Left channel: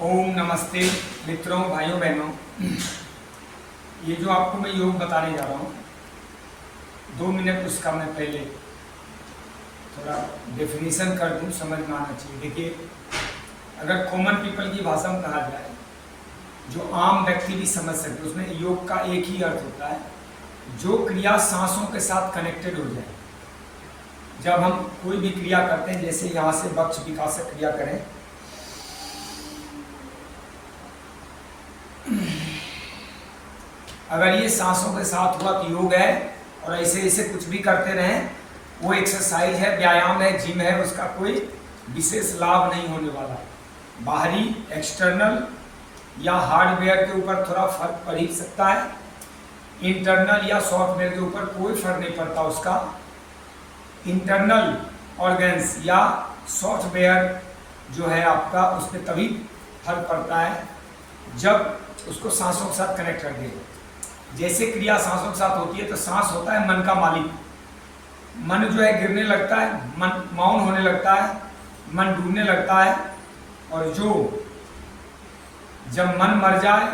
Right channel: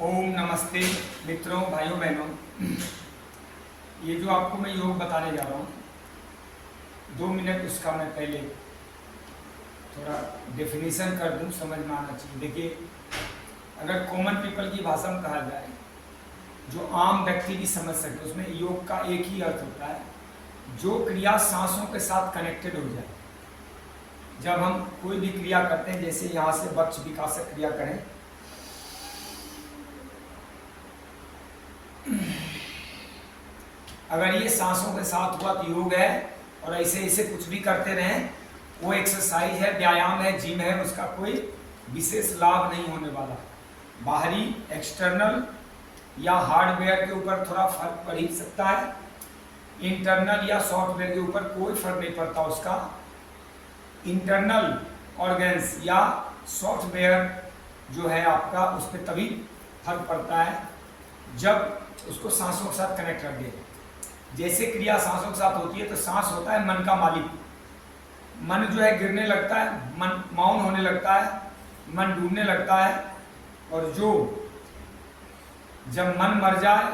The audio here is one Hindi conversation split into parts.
ओम नमस्ते मित्रों, भाइयों बहनों। ये जो आपको मैं योग बताने जा रहा हूँ, 2 मिनट उसका मैं पहले थोड़ा डेफिनेशन कर दूँ, समझ में आना चाहिए। देखिए, अगर कॉमन पीपल की भाषा में कहा जाए, जो आम व्यक्ति भी समझ सकते, उसमें योग का एक ही अर्थ होता है, जो क्रिया सांसों के साथ कनेक्टेड हो जाए। जब हम कोई भी क्रिया करते हैं, जैसे यहाँ से वक्ष विकासक क्रिया करें, अगर ये सांसों के साथ हुआ तो योग है, और ऐसे ऐसे कुछ भी करते रहें, वो एक्सरसाइज है, व्यायाम है, जिम है, उसका कोई विशेष लाभ नहीं होने वाला। बाहरी एक्सटर्नल या हार्डवेयर के ऊपर थोड़ा फर्क पड़ ही सकता है, इंटरनल या सॉफ्टवेयर के ऊपर कोई फर्क नहीं पड़ता। उसका इंटरनल ऑर्गन्स या सॉफ्टवेयर जो है आपका, उसमें तभी फर्क पड़ता है जब उसको सांसों के साथ कनेक्ट कर दिए। जैसे क्रिया सांसों के साथ होती है, तो सांस होता है मन का मालिक। मन जो है गिरने लगता है, मन मौन होने लगता है, मन डूबने लगता है, और जब मन मर जाए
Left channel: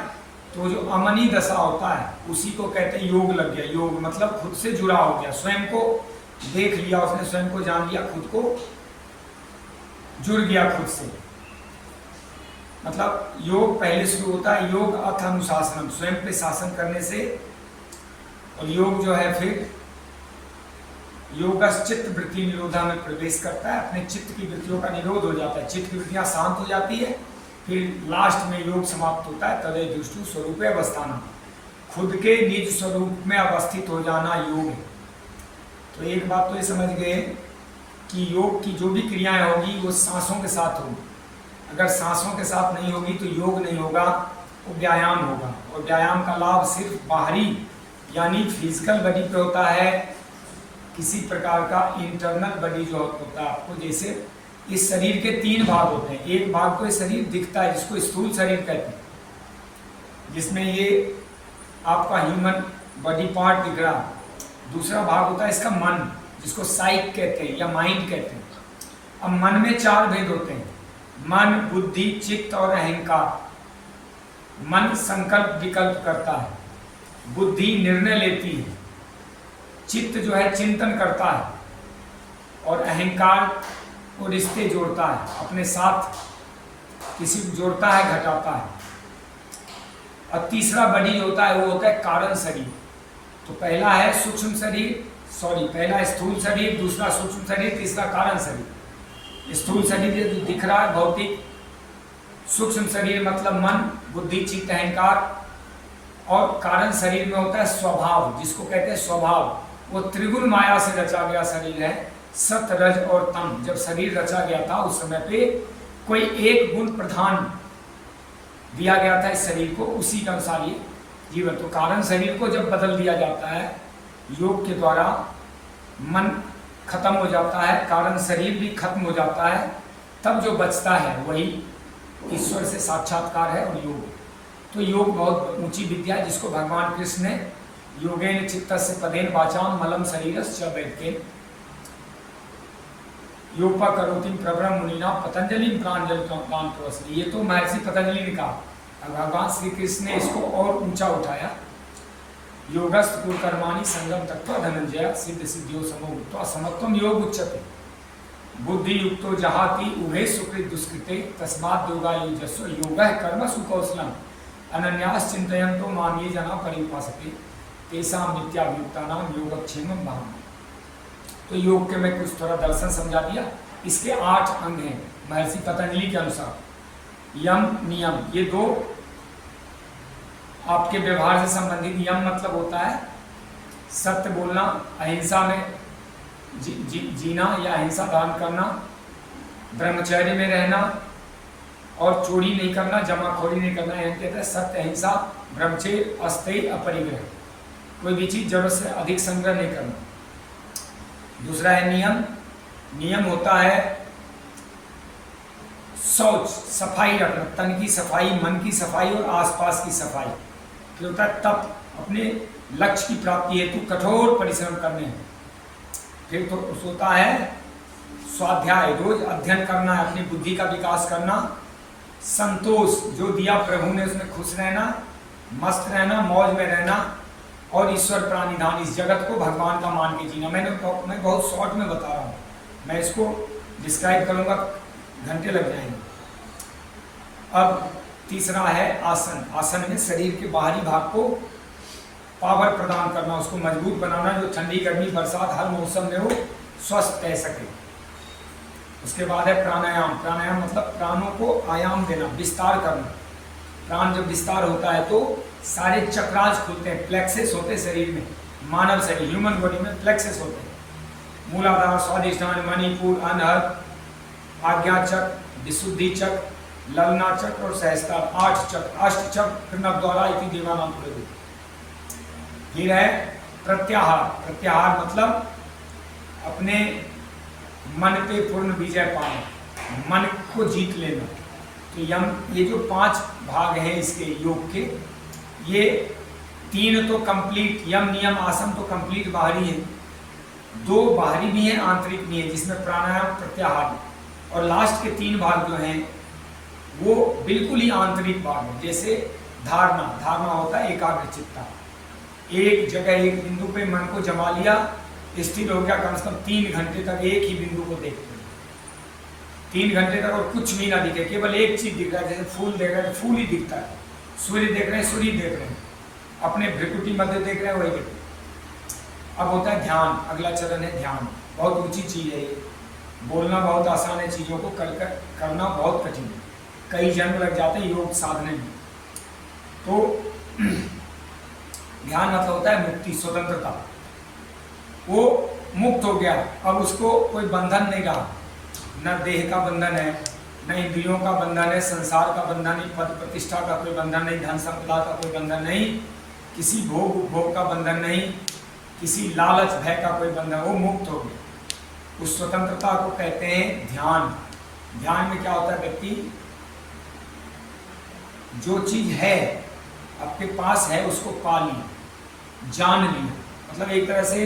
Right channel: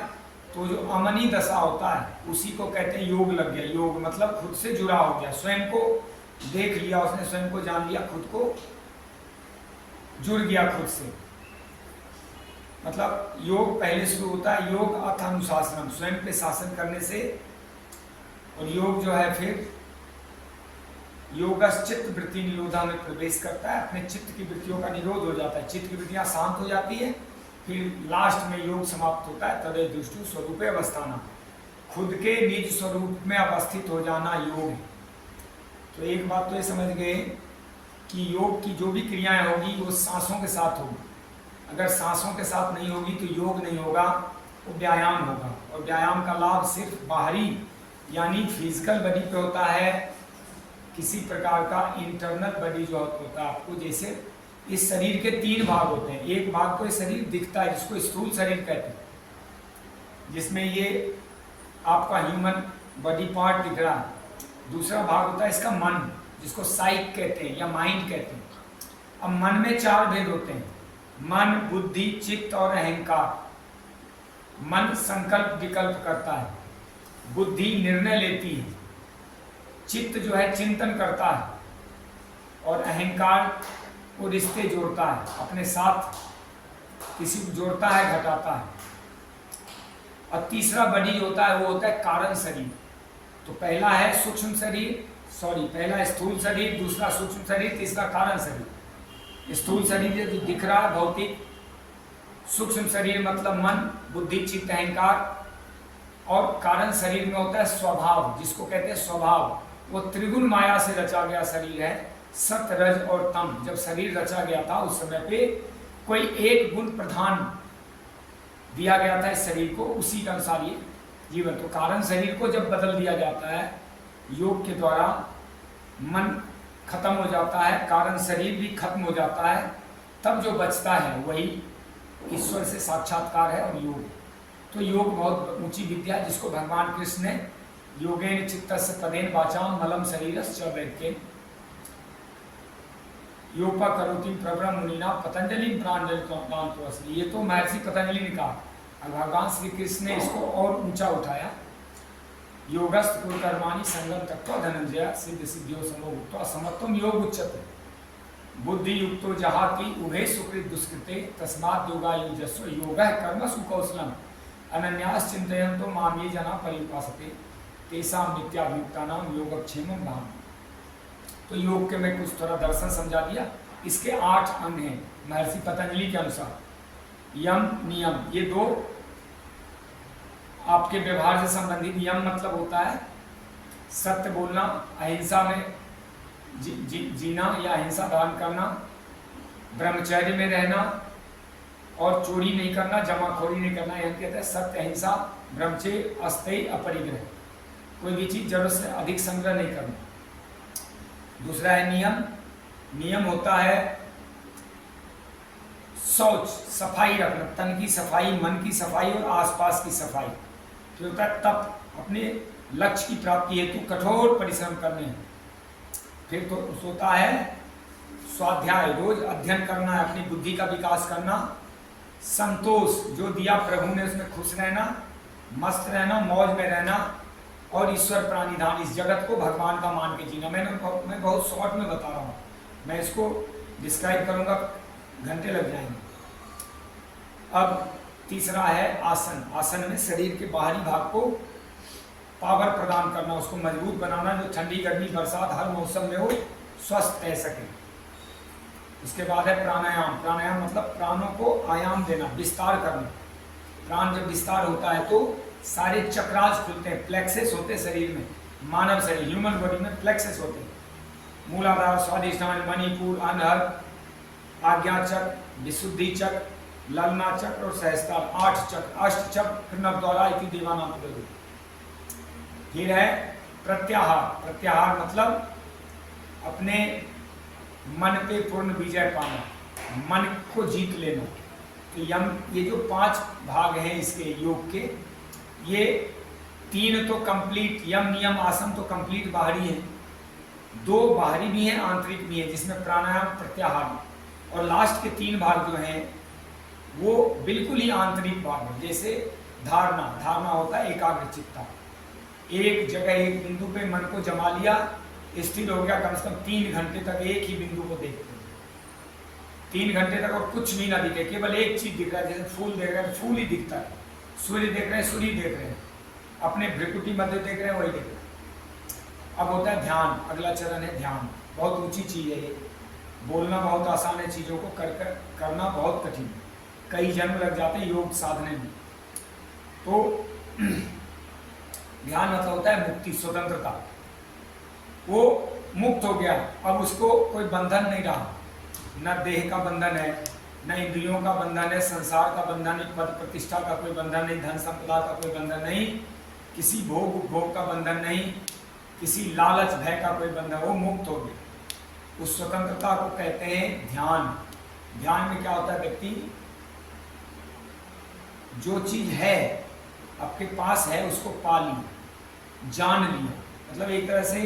तो जो अमनी दशा होता है, उसी को कहते हैं योग लग गया। योग मतलब खुद से जुड़ा हो गया, स्वयं को देख लिया उसने, स्वयं को जान लिया, खुद को जुड़ गया खुद से। मतलब योग पहले शुरू होता है, योग अथ अनुशासनम, स्वयं पे शासन करने से। और योग जो है फिर योगस चित्त वृत्ति निरोधा में प्रवेश करता है, अपने चित्त की वृत्तियों का निरोध हो जाता है, चित्त की वृत्तियां शांत हो जाती है। फिर लास्ट में योग समाप्त होता है, तदे दुष्टु स्वरूप अवस्थाना, खुद के निज स्वरूप में अवस्थित हो जाना योग है। तो एक बात तो ये समझ गए कि योग की जो भी क्रियाएं होगी वो सांसों के साथ होगी। अगर सांसों के साथ नहीं होगी तो योग नहीं होगा, वो व्यायाम होगा। और व्यायाम का लाभ सिर्फ बाहरी यानी फिजिकल बॉडी पे होता है, किसी प्रकार का इंटरनल बॉडी जो होता है आपको। जैसे इस शरीर के 3 भाग होते हैं, एक भाग तो ये शरीर दिखता है जिसको स्थूल शरीर कहते हैं, जिसमें ये आपका ह्यूमन बॉडी पार्ट दिख रहा है। दूसरा भाग होता है इसका मन, जिसको साइक कहते हैं या माइंड कहते हैं। अब मन में 4 भेद होते हैं, मन, बुद्धि, चित्त और अहंकार। मन संकल्प विकल्प करता है, बुद्धि निर्णय लेती है, चित्त जो है चिंतन करता है, और अहंकार वो रिश्ते जोड़ता है, अपने साथ किसी को जोड़ता है, घटाता है। और तीसरा बॉडी होता है, वो होता है कारण शरीर। तो पहला है सूक्ष्म शरीर, पहला स्थूल शरीर, दूसरा सूक्ष्म शरीर, तीसरा कारण शरीर। स्थूल शरीर जो दिख रहा है भौतिक, सूक्ष्म शरीर मतलब मन, बुद्धि, चित्त, अहंकार, और कारण शरीर में होता है स्वभाव, जिसको कहते हैं स्वभाव। वो त्रिगुण माया से रचा गया शरीर है, सत, रज और तम। जब शरीर रचा गया था उस समय पे कोई एक गुण प्रधान दिया गया था इस शरीर को, उसी के अनुसार ये जीवन। तो कारण शरीर को जब बदल दिया जाता है योग के द्वारा, मन खत्म हो जाता है, कारण शरीर भी खत्म हो जाता है, तब जो बचता है वही ईश्वर से साक्षात्कार है और योग। तो योग बहुत ऊंची विद्या है, जिसको भगवान कृष्ण ने योगेन चित्तस्य पदेन वाचाम मलम शरीरस्य च वैद्येन योपा करोति प्रवरम मुनिना पतंजलि प्रांजलि। ये तो महर्षि पतंजलि ने कहा, भगवान श्री कृष्ण ने इसको और ऊंचा उठाया। योगस्थ कुलकर्माणि संगम तत्व धनंजय सिद्ध सिद्धियों समोक्त्वा समत्वम योग उच्यते बुद्धि युक्तो जहाति उभे सुकृत दुष्कृते तस्मात् योगायुजस्व योगः कर्मसु कौशलम अनन्यास चिंतयन्तो मां ये जना परिउपासते तेषां नित्याभियुक्तानां योगक्षेमं भावना। तो योग के मैं कुछ थोड़ा दर्शन समझा दिया। इसके 8 अंग हैं महर्षि पतंजलि के अनुसार। यम, नियम, ये 2 आपके व्यवहार से संबंधित। यम मतलब होता है सत्य बोलना, अहिंसा में जीना या अहिंसा धारण करना, ब्रह्मचर्य में रहना, और चोरी नहीं करना, जमाखोरी नहीं करना। यह कहते हैं सत्य, अहिंसा, ब्रह्मचर्य, अस्तेय, अपरिग्रह। कोई भी चीज जरूरत से अधिक संग्रह नहीं करना। दूसरा है नियम। नियम होता है शौच, सफाई रखना, तन की सफाई, मन की सफाई और आसपास की सफाई। फिर होता है तप, अपने लक्ष्य की प्राप्ति हेतु कठोर परिश्रम करने हैं। फिर तो होता है स्वाध्याय, रोज अध्ययन करना है, अपनी बुद्धि का विकास करना, संतोष जो दिया प्रभु ने उसमें खुश रहना, मस्त रहना, मौज में रहना, और ईश्वर प्राणिधान, इस जगत को भगवान का मान के जीना। मैं बहुत शॉर्ट में बता रहा हूँ, मैं इसको डिस्क्राइब करूँगा घंटे लग जाएंगे। अब तीसरा है आसन। आसन में शरीर के बाहरी भाग को पावर प्रदान करना, उसको मजबूत बनाना, जो ठंडी गर्मी बरसात हर मौसम में वो स्वस्थ रह सके। उसके बाद है प्राणायाम। प्राणायाम मतलब प्राणों को आयाम देना, विस्तार करना। प्राण जब विस्तार होता है तो सारे चक्रास खुलते हैं, प्लेक्सेस होते हैं शरीर में। मानव शरीर, ह्यूमन बॉडी में प्लेक्सेस होते हैं, मूलाधार, स्वादिष्ठान, मणिपुर, अनहद, आज्ञा चक्र, विशुद्धि चक्र, ललना चक्र और सहस्त्रार, 8 चक्र, अष्ट चक्र नवद्वारा इति देवानाम प्रभु। फिर है प्रत्याहार। प्रत्याहार मतलब अपने मन पे पूर्ण विजय पाना, मन को जीत लेना। तो ये जो 5 भाग हैं इसके योग के, ये 3 तो कंप्लीट, यम नियम आसन तो कंप्लीट बाहरी है, 2 बाहरी भी हैं आंतरिक भी है, जिसमें प्राणायाम, प्रत्याहार, और लास्ट के 3 भाग जो हैं वो बिल्कुल ही आंतरिक भाग है। जैसे धारणा, धारणा होता है एकाग्रचित्ता, एक जगह एक बिंदु पे मन को जमा लिया, स्थिर हो गया, कम से कम 3 घंटे तक एक ही बिंदु को देखते हैं, 3 घंटे तक, और कुछ भी ना दिखे, केवल एक चीज दिख रहा है। जैसे फूल देख रहे हैं तो फूल ही दिखता है, सूर्य देख रहे हैं सूर्य देख रहे हैं, अपने भ्रिकुटी मध्य देख रहे हैं वही देख रहे हैं। अब होता है ध्यान, अगला चरण है ध्यान। बहुत ऊंची चीज है ये, बोलना बहुत आसान है, चीजों को करना बहुत कठिन है, कई जन्म लग जाते हैं योग साधने में। तो ध्यान मतलब होता है मुक्ति, स्वतंत्रता। वो मुक्त हो गया, अब उसको कोई बंधन नहीं रहा, न देह का बंधन है, न इंद्रियों का बंधन है, संसार का बंधन नहीं, पद प्रतिष्ठा का कोई बंधन नहीं, धन संपदा का कोई बंधन नहीं, किसी भोग उपभोग का बंधन नहीं, किसी लालच भय का कोई बंधन, वो मुक्त हो गया। उस स्वतंत्रता को कहते हैं ध्यान। ध्यान में क्या होता है, व्यक्ति जो चीज है आपके पास है उसको पा लिया, जान लिया, मतलब एक तरह से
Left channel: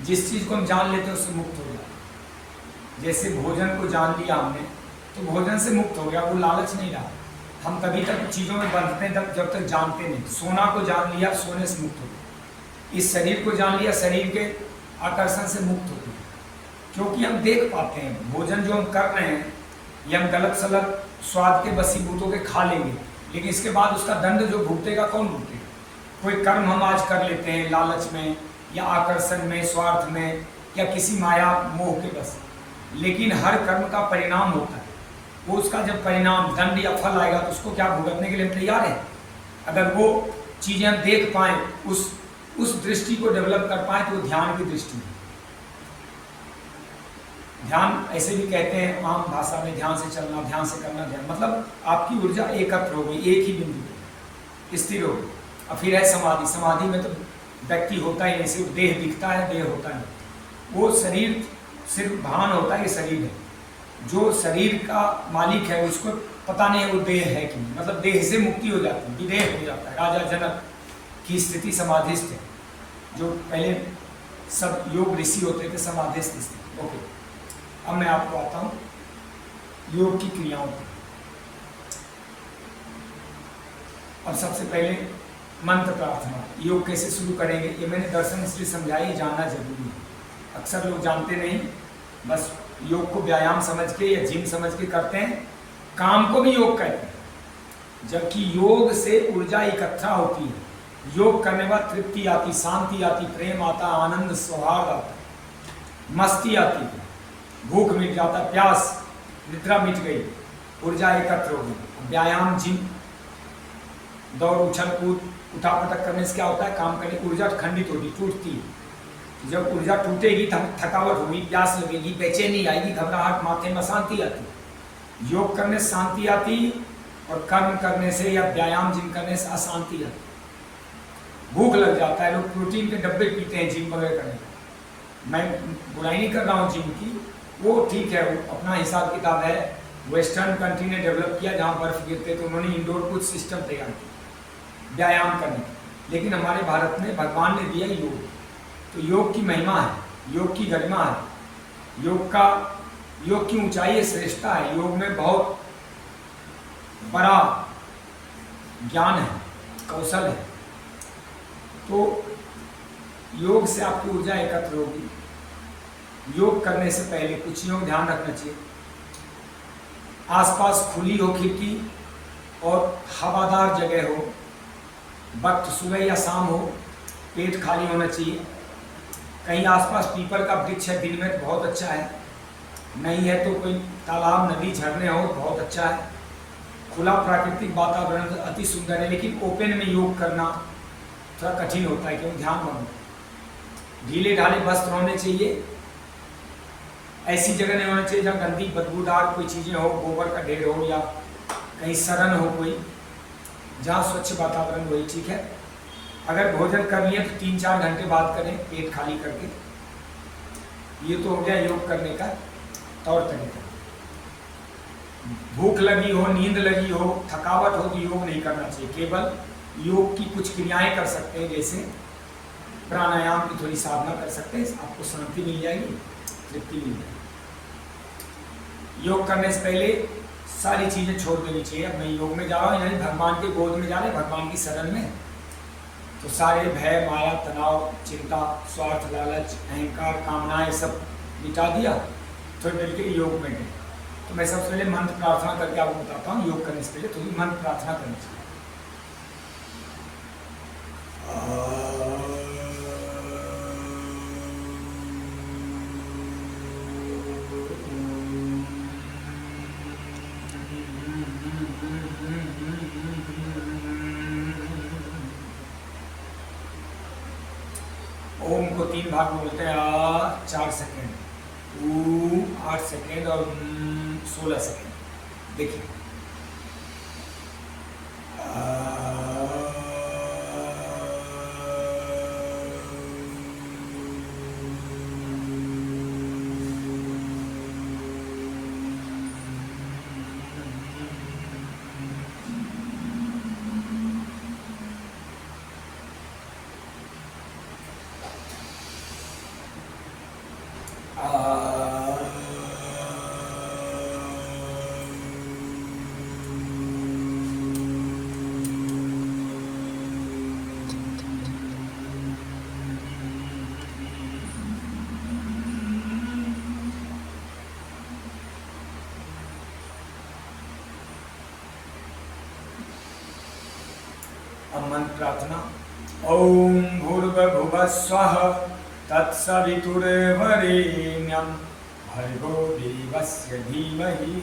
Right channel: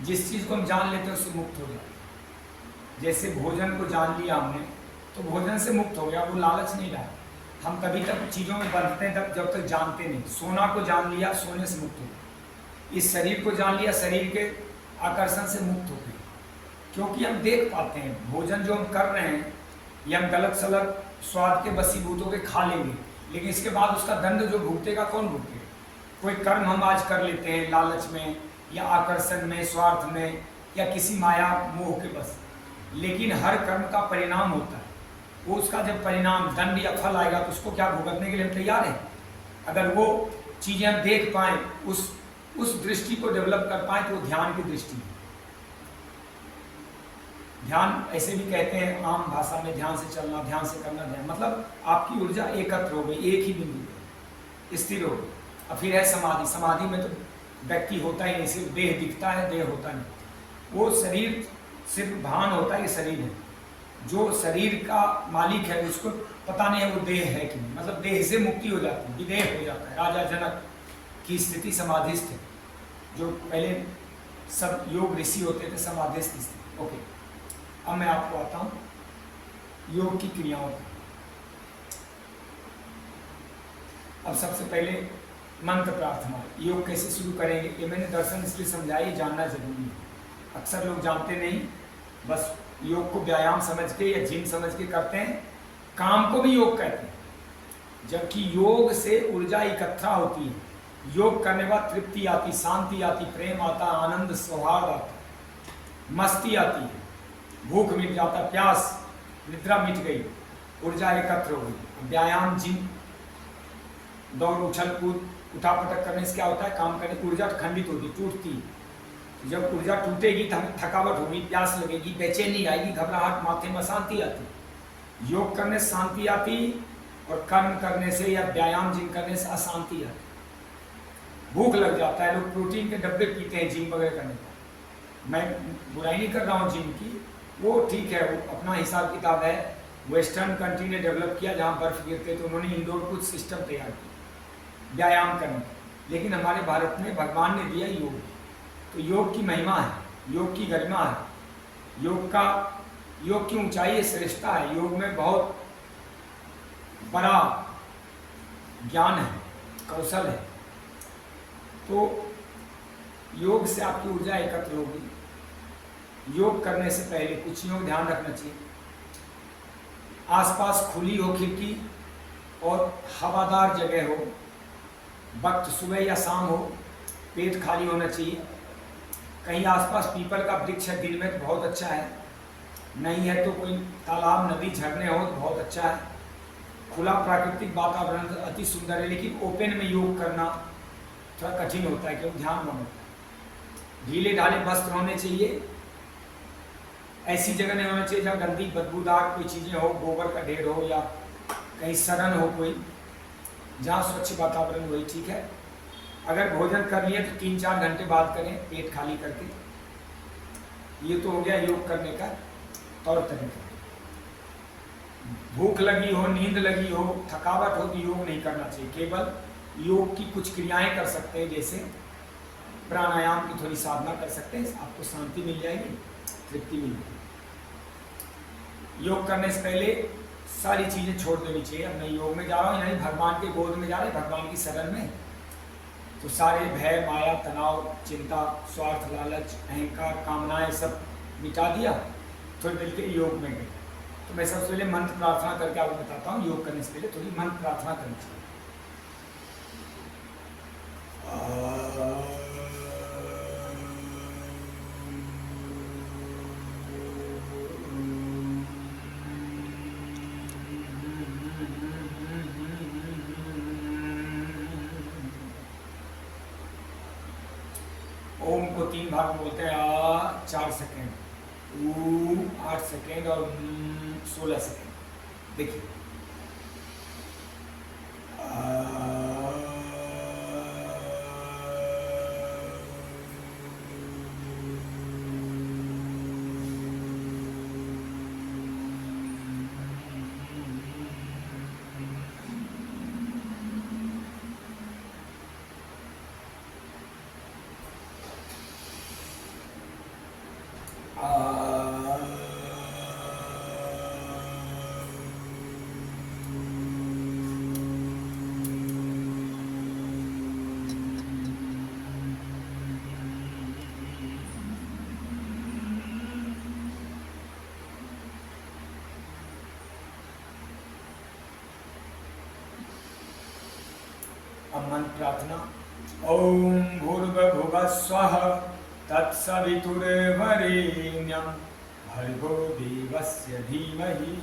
जिस चीज को हम जान लेते हैं उससे मुक्त हो जाए। जैसे भोजन को जान लिया हमने तो भोजन से मुक्त हो गया, वो लालच नहीं रहा। हम तभी तक चीजों में बंधते हैं जब तक जानते नहीं। सोना को जान लिया, सोने से मुक्त हो गया। इस शरीर को जान लिया, शरीर के आकर्षण से मुक्त हो गए, क्योंकि हम देख पाते हैं भोजन जो हम कर रहे हैं ये हम गलत सलत स्वाद के बसीभूत होकर खा लेंगे, लेकिन इसके बाद उसका दंड जो भुगतेगा कौन भुगतेगा? कोई कर्म हम आज कर लेते हैं लालच में या आकर्षण में, स्वार्थ में, या किसी माया मोह के बस, लेकिन हर कर्म का परिणाम होता है। वो उसका जब परिणाम दंड या फल आएगा तो उसको क्या भुगतने के लिए हम तैयार हैं। अगर वो चीजें हम देख पाए, उस दृष्टि को डेवलप कर पाए, तो वो ध्यान की दृष्टि है। ध्यान ऐसे भी कहते हैं आम भाषा में, ध्यान से चलना, ध्यान से करना। ध्यान मतलब आपकी ऊर्जा एकत्र हो गई, एक ही बिंदु स्थिर हो गई। और फिर है समाधि। समाधि में तो व्यक्ति होता ही नहीं, सिर्फ देह दिखता है, देह होता नहीं। वो शरीर सिर्फ भान होता है, ये शरीर है। जो शरीर का मालिक है उसको पता नहीं है वो देह है कि नहीं, मतलब देह से मुक्ति हो जाती है, विदेह हो जाता है। राजा जनक की स्थिति समाधिस्थ है, जो पहले सब योग ऋषि होते थे समाधिस्थ स्थिति। ओके, अब मैं आपको आता हूँ योग की क्रियाओं पर। अब सबसे पहले मंत्र प्रार्थना। योग कैसे शुरू करेंगे ये मैंने दर्शन इसलिए समझाया, ये जानना जरूरी है। अक्सर लोग जानते नहीं, बस योग को व्यायाम समझ के या जिम समझ के करते हैं, काम को भी योग कहते हैं। जबकि योग से ऊर्जा इकट्ठा होती है, योग करने के बाद तृप्ति आती, शांति आती, प्रेम आता, आनंद सौहार्द आता, मस्ती आती है, भूख मिट जाता, प्यास, निद्रा मिट गई, ऊर्जा एकत्र हो गई। व्यायाम, जिम, दौड़, उछल कूद, उठा पटक करने से क्या होता है, काम करने की ऊर्जा खंडित होगी, टूटती है। जब ऊर्जा टूटेगी, थकावट होगी, प्यास लगेगी, बेचैनी आएगी, घबराहट, माथे में अशांति आती। योग करने से शांति आती, और कर्म करने से या व्यायाम जिम करने से अशांति आती। भूख लग जाता है, लोग प्रोटीन के डब्बे पीते हैं जिम वगैरह करने। मैं बुराई नहीं कर रहा हूँ जिम की, वो ठीक है, वो अपना हिसाब किताब है। वेस्टर्न कंट्री ने डेवलप किया, जहाँ बर्फ गिरते तो उन्होंने इंडोर कुछ सिस्टम तैयार किया व्यायाम करने। लेकिन हमारे भारत में भगवान ने दिया योग, तो योग की महिमा है, योग की गरिमा है, योग की ऊंचाई श्रेष्ठता है। योग में बहुत बड़ा ज्ञान है, कौशल है। तो योग से आपकी ऊर्जा एकत्र होगी। योग करने से पहले कुछ चीज़ों का ध्यान रखना चाहिए। आसपास खुली हो खिड़की और हवादार जगह हो, वक्त सुबह या शाम हो, पेट खाली होना चाहिए। कहीं आसपास पीपल का वृक्ष है, दिन में तो बहुत अच्छा है, नहीं है तो कोई तालाब नदी झरने हो तो बहुत अच्छा है। खुला प्राकृतिक वातावरण तो अति सुंदर है, लेकिन ओपन में योग करना थोड़ा कठिन होता है, क्योंकि ध्यान रखो। ढीले ढाले वस्त्र होने चाहिए। ऐसी जगह नहीं होना चाहिए जहाँ गंदी बदबूदार कोई चीज़ें हो, गोबर का ढेर हो या कहीं सड़न हो कोई, जहाँ स्वच्छ वातावरण वही ठीक है। अगर भोजन करनी है तो 3-4 घंटे बाद करें, पेट खाली करके। ये तो हो गया योग करने का तौर तरीका। भूख लगी हो, नींद लगी हो, थकावट हो तो योग नहीं करना चाहिए। केवल योग की कुछ क्रियाएं कर सकते हैं, जैसे प्राणायाम की थोड़ी साधना कर सकते हैं, आपको शांति मिल जाएगी, तृप्ति मिल जाएगी। योग करने से पहले सारी चीज़ें छोड़ देनी चाहिए। अब मैं योग में जा रहा हूँ, यानी भगवान के गोद में जा रहे हैं, भगवान की शरण में, तो सारे भय, माया, तनाव, चिंता, स्वार्थ, लालच, अहंकार, कामनाएं सब मिटा दिया, थोड़ी देर के योग में गए। तो मैं सबसे पहले मंत्र प्रार्थना करके आपको बताता हूँ। योग करने से पहले थोड़ी मंत्र प्रार्थना करनी चाहिए। ओम को 3 भाग में बोलते हैं। 4 सेकेंड, 8 सेकेंड और 16 सेकेंड। देखिए, मंत्र प्रार्थना। ओम भूर्भुवः स्वः तत्सवितुर्वरेण्यं भर्गो देवस्य धीमहि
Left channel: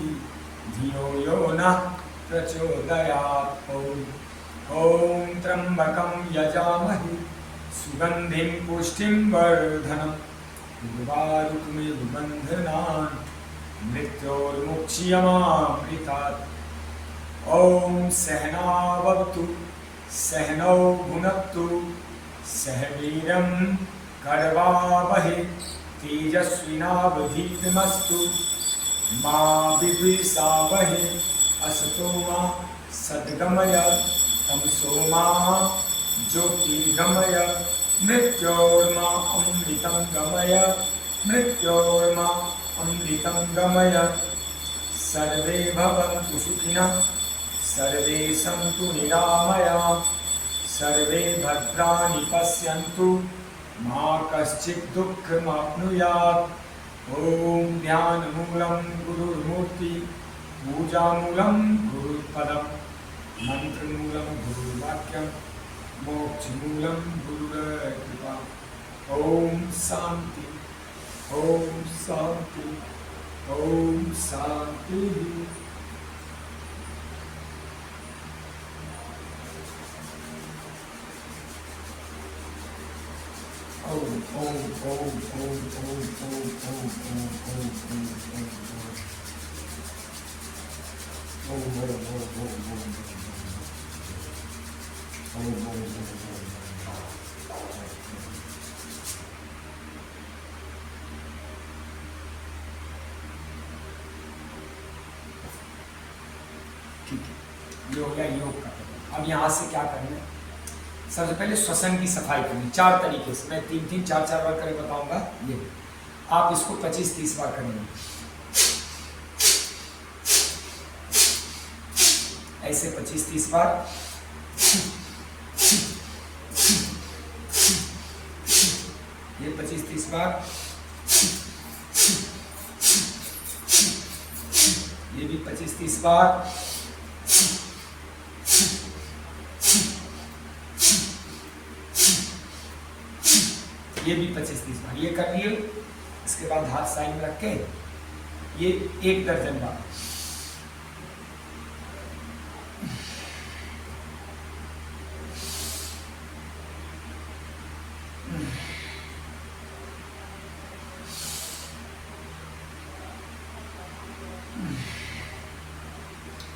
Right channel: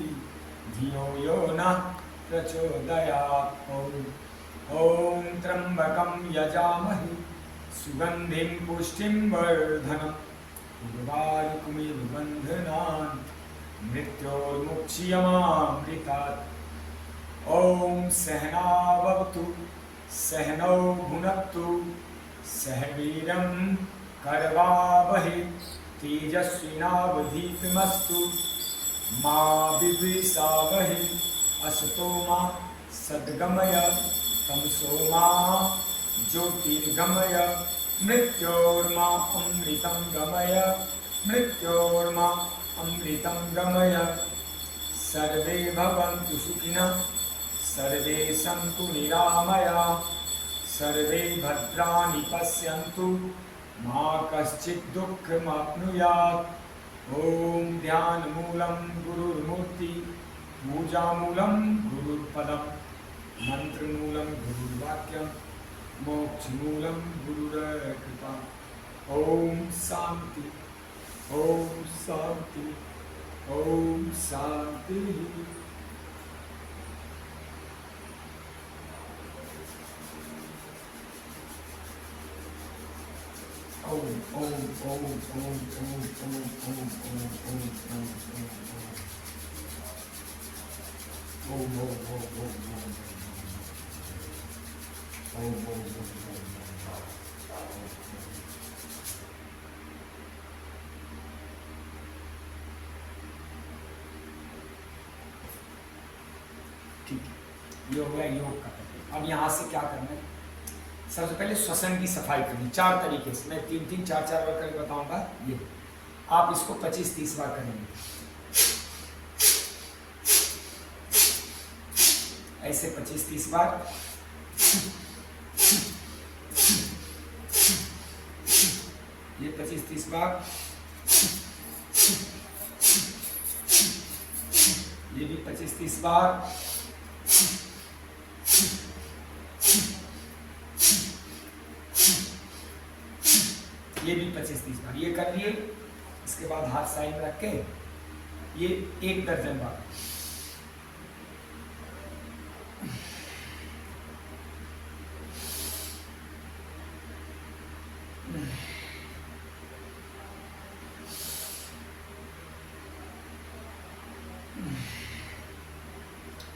धियो यो नः प्रचोदयात्। ओम त्र्यंबकं यजामहे सुगंधिं पुष्टिं वर्धनम् उर्वारुकमिव बन्धनान् मृत्योर्मुक्ष्यमामृतात्। ओम सहनावतु सहनौ भुनक्तु सह वीर्यं करवावहै तेजस्विनावधीतमस्तु मा विद्विषावहै। असतो मा सद्गमय तमसो मा ज्योतिर्गमय मृत्योर्मा अमृतं गमय मृत्योर्मा अमृतं गमय। सर्वे भवन्तु सुखिनः सर्वे सन्तु निरामयाः सर्वे भद्राणि पश्यन्तु मा कश्चित् दुःखमाप्नुयात्। ओम ध्यानमूलं गुरुर्मूर्ति पूजामूलं गुरुर्पदं मंत्रमूलं गुरुर्वाक्यं मोक्षमूलं गुरुर्कृपा। ओम शांति, ओम शांति, ओम शांति। ओम ओम ओम ओम ओम ओम ओम ओम ठीक है, ये हो गया योग का। अब यहाँ से क्या करना है, सबसे पहले श्वसन की सफाई करनी 4 तरीके से। मैं 3-3, 4-4 बार करके बताऊंगा। ये आप इसको 25-30 बार करेंगे। ऐसे 25-30 बार। ये 25-30 बार, ये भी 25-30 बार, ये भी 25-30 बार। ये कर लिए। इसके बाद हाथ साइड में रख के ये 1 दर्जन बार।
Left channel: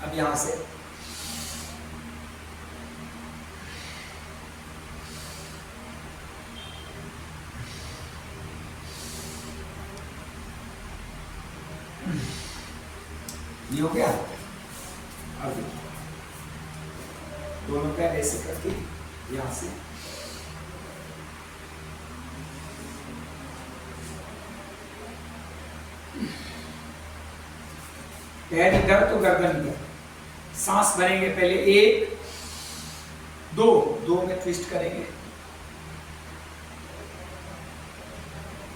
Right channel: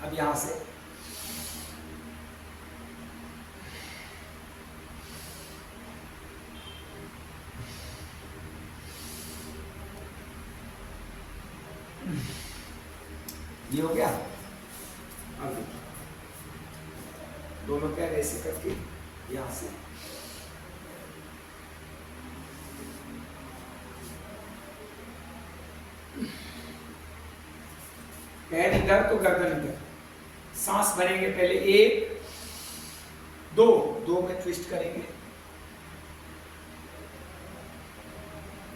अब यहां से ये हो गया। अब दोनों पैर ऐसे करके यहां से पैर इधर तो गर्दन इधर। सांस भरेंगे पहले 1 2 में ट्विस्ट करेंगे,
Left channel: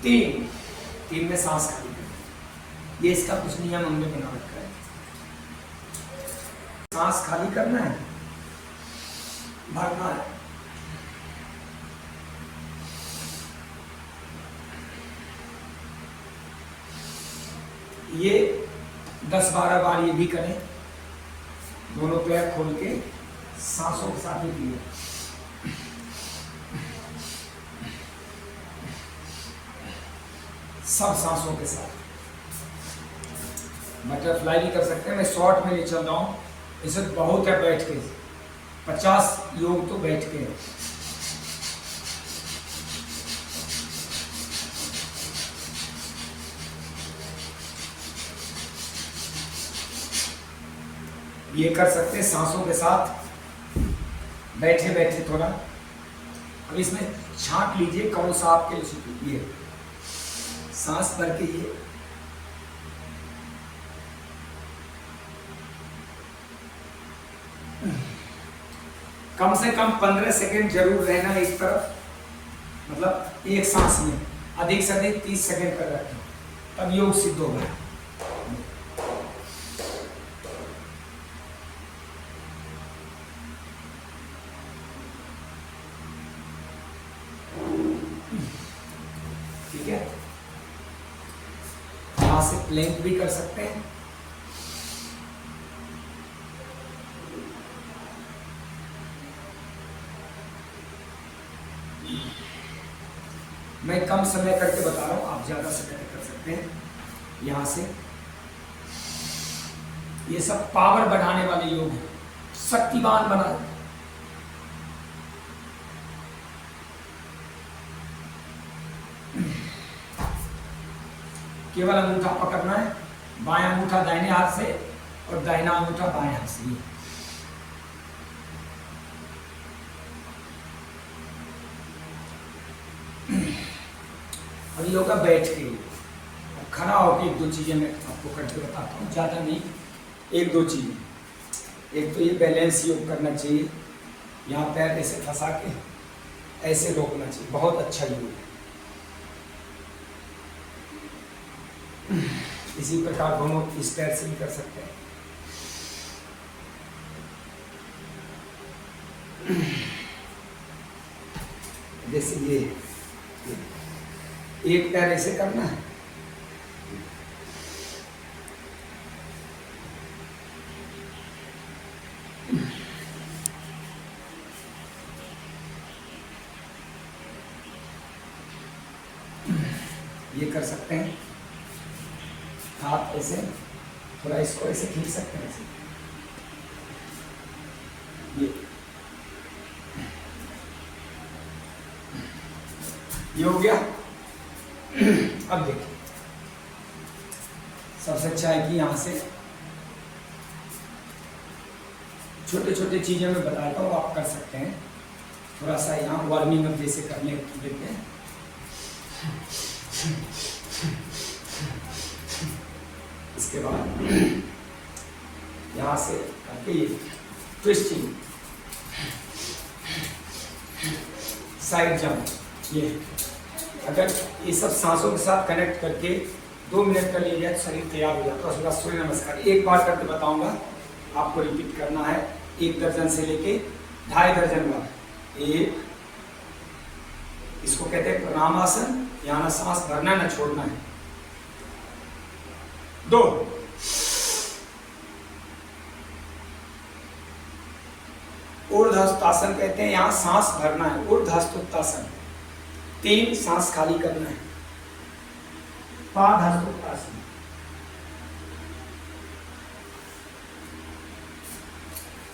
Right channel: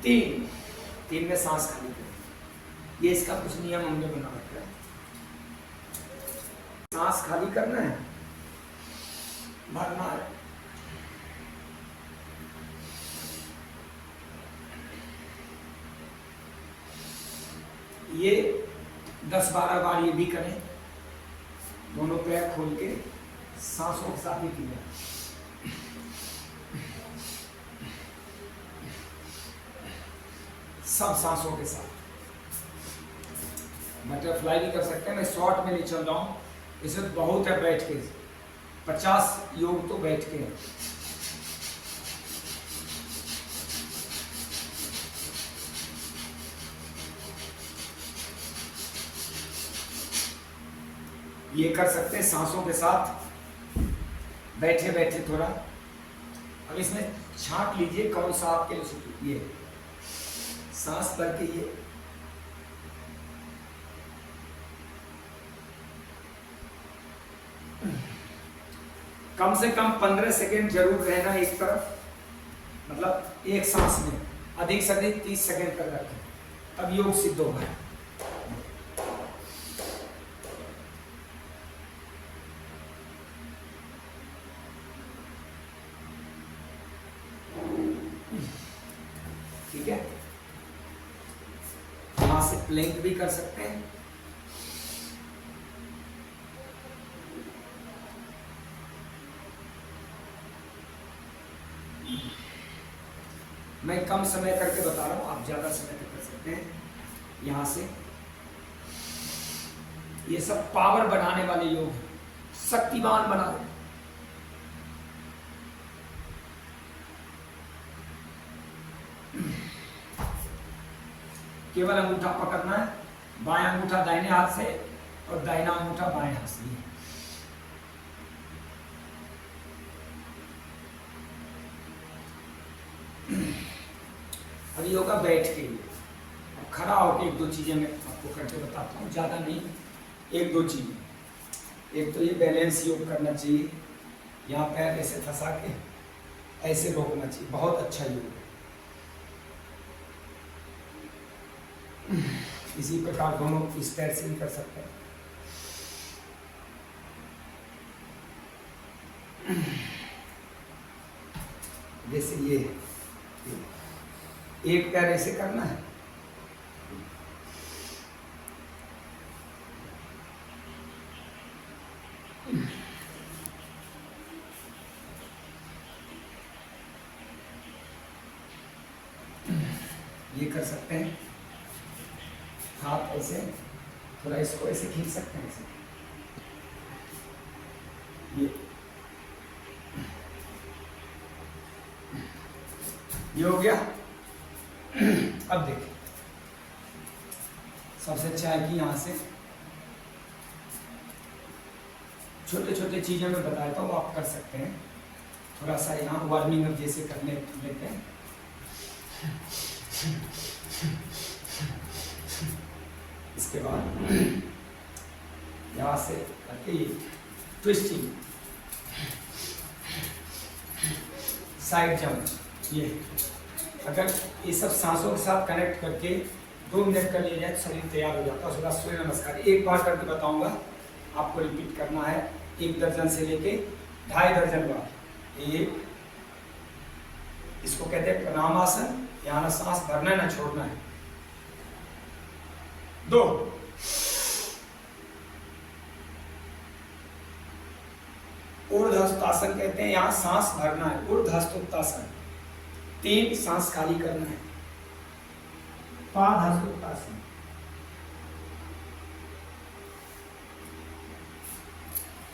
3 में सांस खाली करेंगे। ये इसका कुछ नियम हमने बना रखा है। सांस खाली करना है, भरना है। ये 10-12 बार ये भी करें। दोनों पैर खोल के सांसों के साथ में पिए। सब सांसों के साथ। बटरफ्लाई भी कर सकते हैं। मैं शॉर्ट में ले चल रहा हूं। इसे बहुत है बैठ के। 50 योग तो बैठ के है। ये कर सकते हैं सांसों के साथ, बैठे बैठे थोड़ा। अब इसमें छांट लीजिए कौन सा आपके लिए। ये सांस भर के ये कम से कम 15 सेकेंड जरूर रहना एक तरफ, मतलब एक सांस में। अधिक से अधिक 30 सेकेंड तक रखें, तब योग सिद्ध होगा। ठीक है। यहां से प्लैंक भी कर सकते हैं। मैं कम समय करके बता रहा हूं, आप ज्यादा समय तक कर सकते हैं। यहां से ये सब पावर बढ़ाने वाले योग हैं, शक्तिवान बना। केवल अंगूठा पकड़ना है, बायां अंगूठा दाहिने हाथ से और दाहिना अंगूठा बाएं हाथ से। अब योगा बैठ के, खड़ा होकर 1-2 चीजें मैं आपको करके बताता हूँ, ज्यादा नहीं। 1-2 चीजें। एक तो ये बैलेंस योग करना चाहिए। यहाँ पैर ऐसे फंसा के ऐसे रोकना चाहिए। बहुत अच्छा योग है। इसी प्रकार दोनों इस पैर से भी कर सकते हैं। जैसे ये एक पैर ऐसे करना है, ये कर सकते हैं। हाथ ऐसे थोड़ा इसको ऐसे खींच सकते हैं, ऐसे। ये हो गया। अब देखिए, सबसे अच्छा है कि यहाँ से छोटे छोटे चीजें मैं बताता हूँ, आप कर सकते हैं। थोड़ा सा यहाँ वार्मिंग अप जैसे कर लेते हैं। इसके बाद यहाँ से करके ट्विस्टिंग, साइड जंप। ये अगर ये सब सांसों के साथ कनेक्ट करके 2 मिनट का लिया जाए तो शरीर तैयार हो जाता है। उसके बाद सूर्य नमस्कार एक बार करके बताऊंगा, आपको रिपीट करना है 1 दर्जन से लेके 2.5 दर्जन बार। एक, इसको कहते हैं प्रणामासन, यहाँ ना सांस भरना है ना छोड़ना है। 2, ऊर्ध्वस्तासन कहते हैं, यहाँ सांस भरना है, ऊर्ध्वस्तासन। 3, सांस खाली करना है, पादहस्तोत्तासन।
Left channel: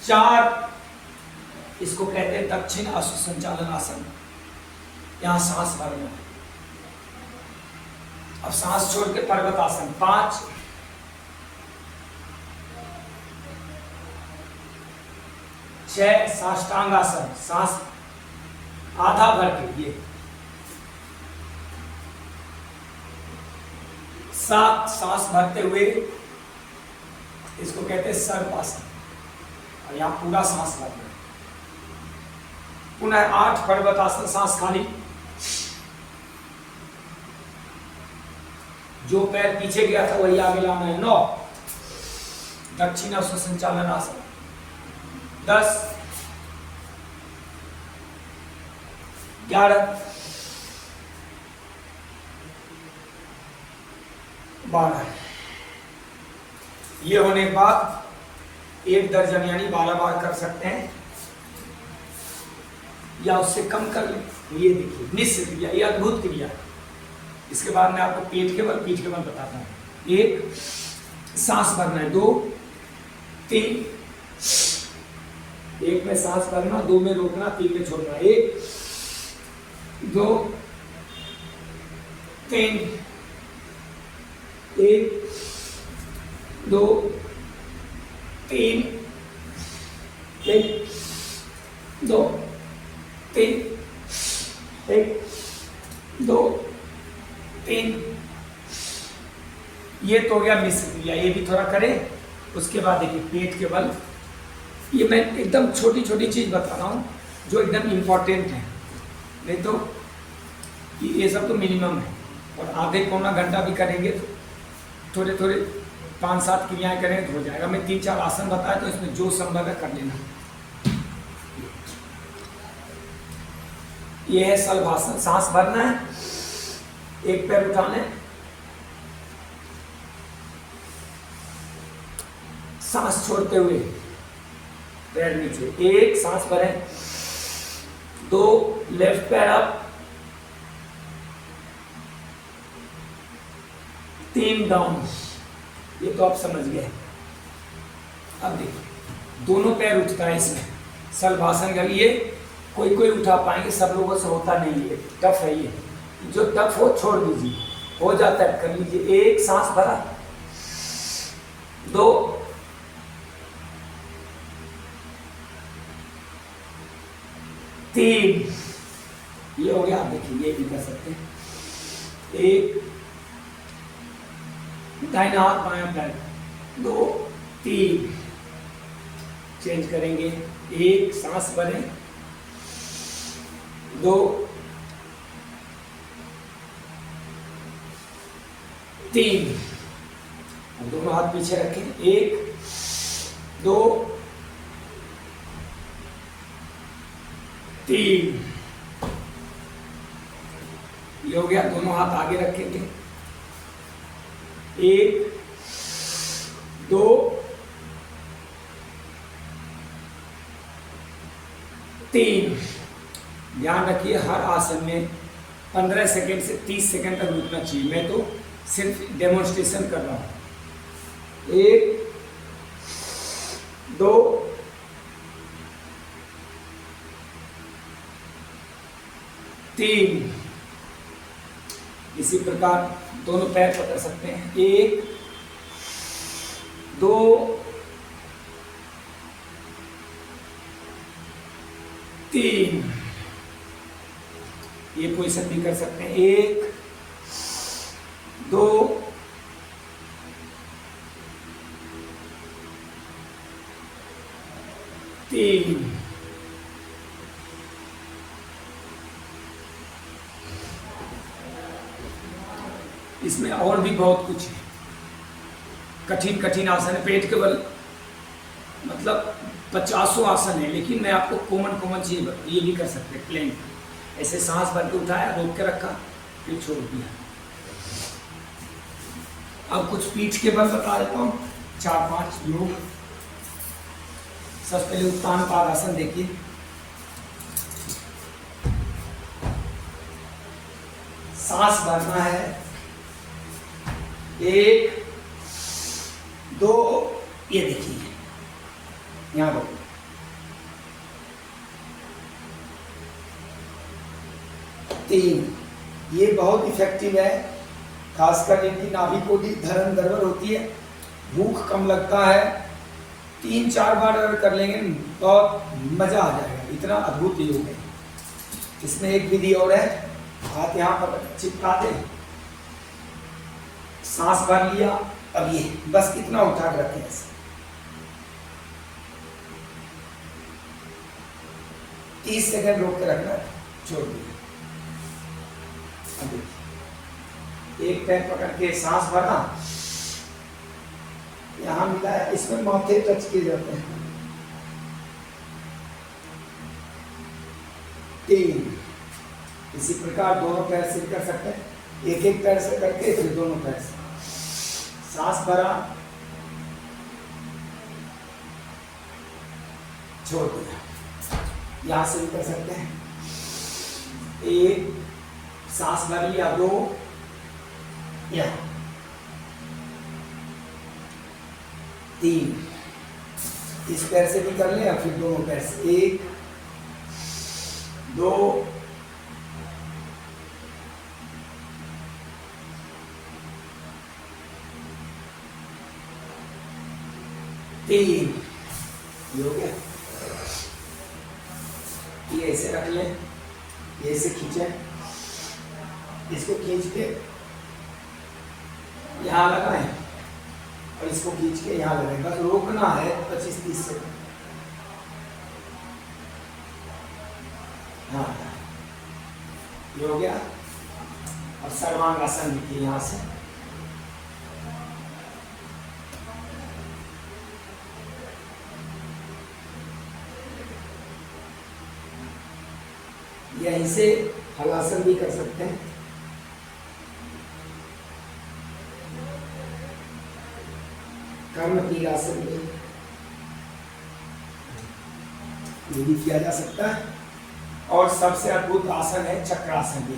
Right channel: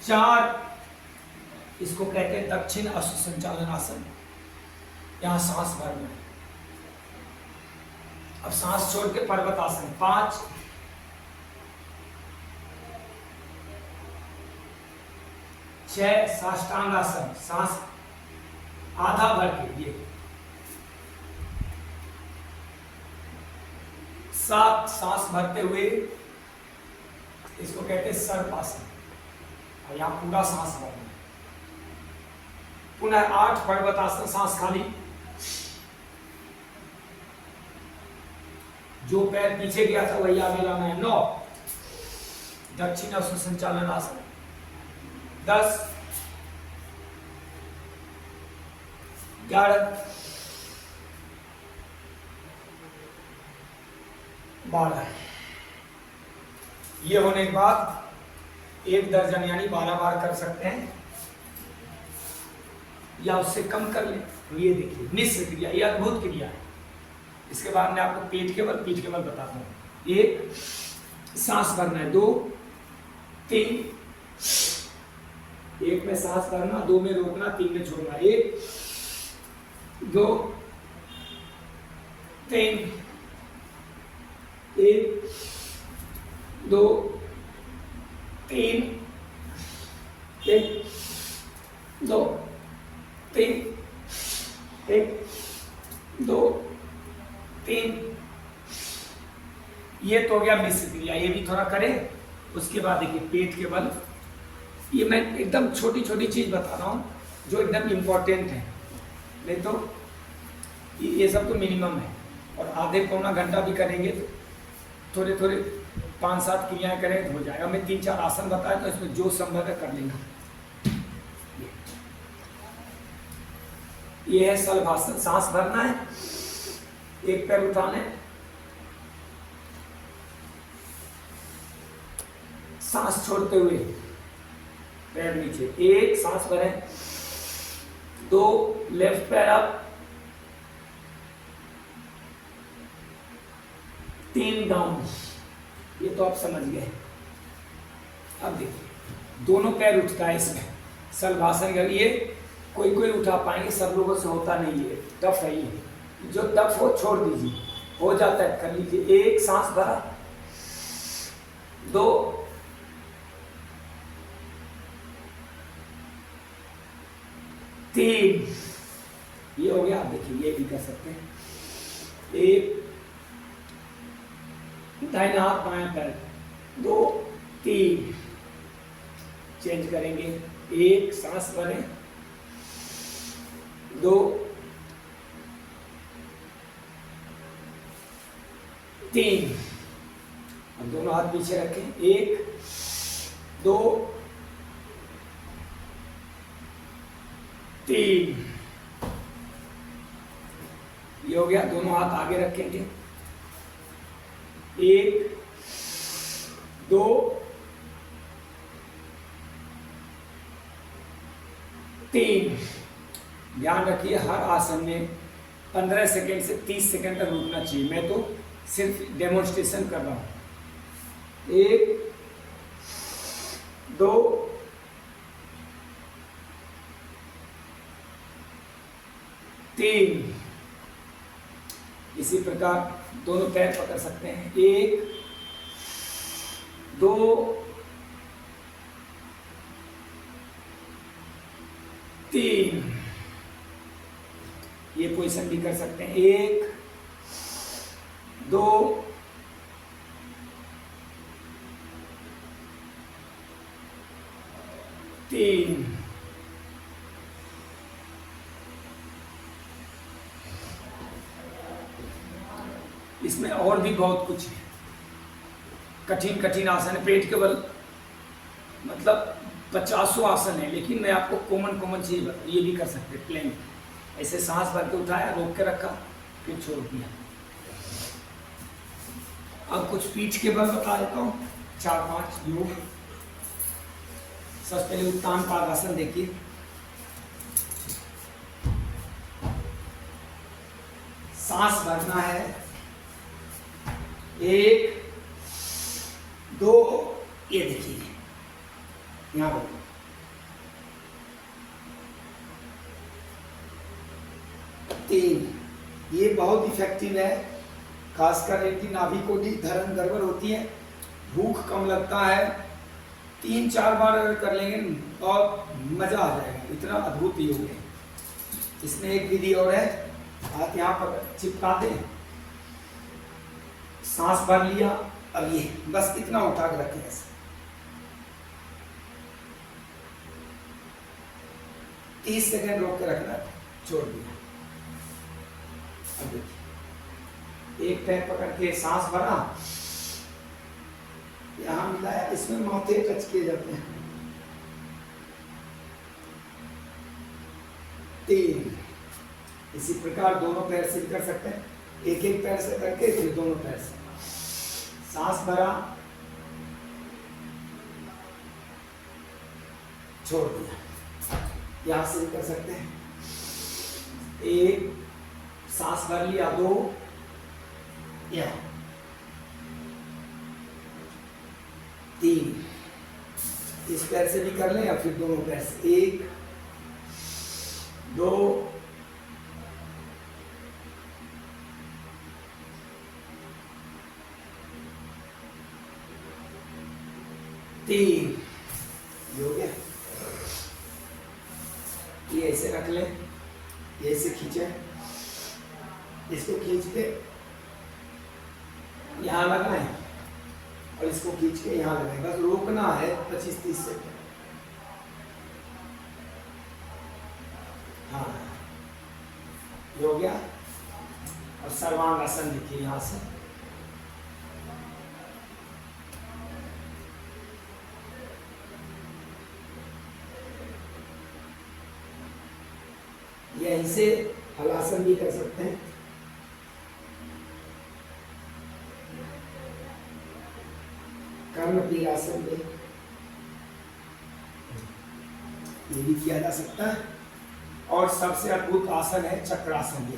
4, इसको कहते हैं दक्षिण अश्वसंचालन आसन, यहाँ सांस भरना है। अब सांस छोड़ के पर्वतासन। 5, 6, साष्टांग आसन, सांस आधा भर के ये। 7, सांस भरते हुए, इसको कहते हैं सर्पासन, और यहाँ पूरा सांस भरना है। पुनः 8, पर्वतासन, सांस खाली। जो पैर पीछे गया था वही आगे लाना है। 9, दक्षिण अश्वसंचालन आसन। 10, 11, 12। ये होने के बाद 1 दर्जन यानी 12 बार कर सकते हैं, या उससे कम कर लें। तो ये देखिए निश्चित क्रिया, ये अद्भुत क्रिया है। इसके बाद मैं आपको पेट के बल, पीठ के बल बताता हूँ। 1, सांस भरना है। 2, 3, 1 में सांस भरना, 2 में रोकना, 3 में छोड़ना। 1, 2, 3, 1, 2, 3, 1, 2, 3, 1, 2, 3। ये तो हो गया मिश्र क्रिया, ये भी थोड़ा करें। उसके बाद देखिए पेट के बल, ये मैं एकदम छोटी छोटी चीज बता रहा हूँ जो एकदम इम्पोर्टेंट है। ये तो ये सब तो मिनिमम है, और आधे पौना घंटा भी करेंगे तो थोड़े थोड़े 5-7 क्रियाएं करें तो हो जाएगा। मैं 3-4 आसन बताया तो इसमें जो संभव है कर लेना। ये है शलभासन, सांस भरना है, एक पैर उठाना है, सांस छोड़ते हुए पैर नीचे। 1, सांस भरें। 2, लेफ्ट पैर अप। 3, डाउन। ये तो आप समझ गए। अब देखिए दोनों पैर उठता है इसमें शलभासन का। ये कोई कोई उठा पाएंगे, सब लोगों से होता नहीं है, टफ है ये। जो टफ हो छोड़ दीजिए, हो जाता है कर लीजिए। 1, सांस भरा। 2, 3, ये हो गया। आप देखिए ये भी कर सकते हैं। 1, दाहिना हाथ बायां पैर। 2, 3, चेंज करेंगे। 1, सांस भरें। 2, 3, अब दोनों हाथ पीछे रखें। 1, 2, 3, ये हो गया। दोनों हाथ आगे रखेंगे। 1, 2, 3। ध्यान रखिए हर आसन में 15 सेकेंड से 30 सेकेंड तक रुकना चाहिए। मैं तो सिर्फ डेमोन्स्ट्रेशन कर रहा हूं। 1, 2, 3। इसी प्रकार दोनों पैर पकड़ सकते हैं। 1, 2, 3। ये पोजीशन भी कर सकते हैं। 1, 2, 3। 3, इसमें और भी बहुत कुछ है, कठिन कठिन आसन, पेट के बल मतलब 50 आसन है, लेकिन मैं आपको कॉमन कॉमन चीज ये भी कर सकते हैं। प्लेन ऐसे सांस भर के उठाया, रोक के रखा, फिर छोड़ दिया। अब कुछ पीठ के बल बता देता हूँ, 4-5 योग। सबसे पहले उत्तान पादासन देखिए, सांस भरना है, 1 2, ये देखिए यहां पर 3, ये बहुत इफेक्टिव है, खासकर इनकी नाभि को भी धरण गड़बड़ होती है, भूख कम लगता है। 3-4 बार अगर कर लेंगे बहुत मजा आ जाएगा, इतना अद्भुत योग है। इसमें एक विधि और है, हाथ यहाँ पर चिपका दे, सांस भर लिया, अब ये बस इतना उठा कर रखें ऐसे, 30 सेकंड रोक के रखना, छोड़ दिया। अब देखिए, एक पैर पकड़ के सांस भरा, यहां मिला है, इसमें माथे टच किए जाते हैं। 3, इसी प्रकार दोनों पैर से कर सकते हैं, एक एक पैर से करके फिर दोनों पैर से सांस भरा, छोड़ दिया। यहां से भी कर सकते हैं, 1 सांस भर लिया, 2 यहां, 3 इस पैर से भी कर लें या फिर दोनों पैर से, 1 2 3, ये हो गया। ये ऐसे रख लें, ये ऐसे खींचे, इसको खींच के यहाँ लगाएं और इसको खींच के यहाँ लगाएं, बस रोकना है 25-30 सेकंड। हाँ, ये हो गया। और सर्वांग आसन लिखिए यहाँ से, यहीं से हलासन भी कर सकते हैं। कर्मप्रिय आसन भी ये भी किया जा सकता है। और सबसे अद्भुत आसन है चक्रासन भी।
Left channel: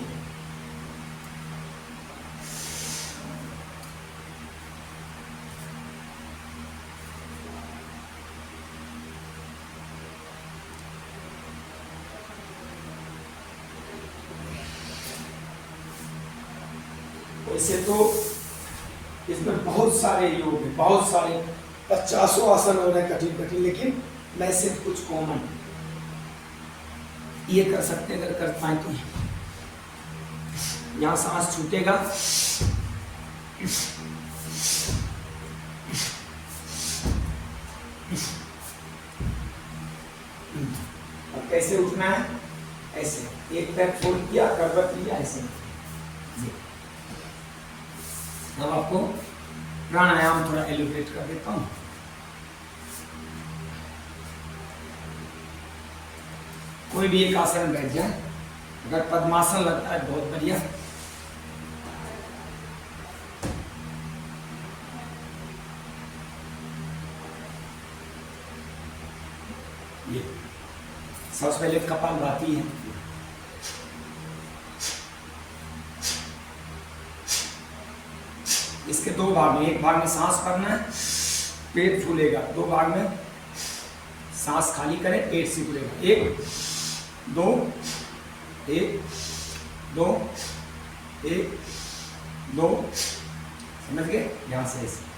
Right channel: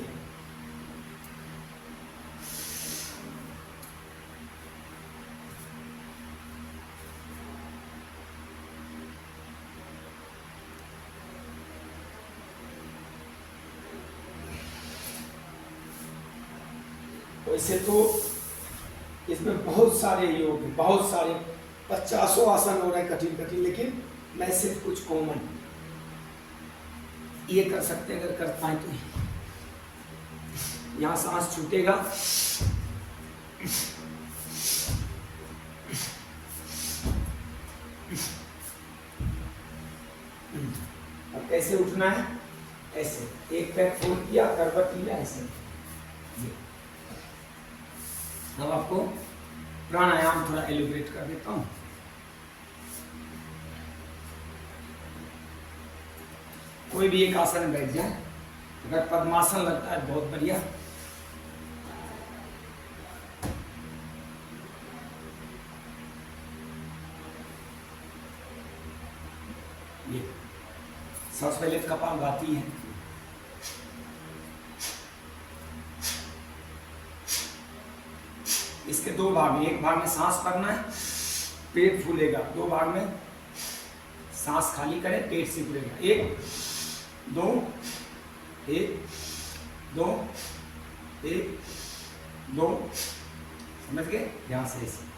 वैसे तो इसमें बहुत सारे योग हैं, बहुत सारे 50 आसन हो रहे हैं कठिन कठिन, लेकिन मैं सिर्फ कुछ कॉमन ये कर सकते हैं, अगर कर पाए तो। यहाँ सांस छूटेगा, अब कैसे उठना है, ऐसे एक पैर फोल्ड किया, करवट लिया, ऐसे। अब आपको प्राणायाम थोड़ा एलिब्रेट कर देता हूँ। कोई भी एक आसन में बैठ जाए, अगर पद्मासन लगता है बहुत बढ़िया। ये सबसे पहले कपालभाति है, इसके 2 भाग में, एक भाग में सांस भरना है, पेट फूलेगा, 2 भाग में सांस खाली करें, पेट से फूलेगा। 1 2 1 2 1 2, समझ गए? यहां से ऐसे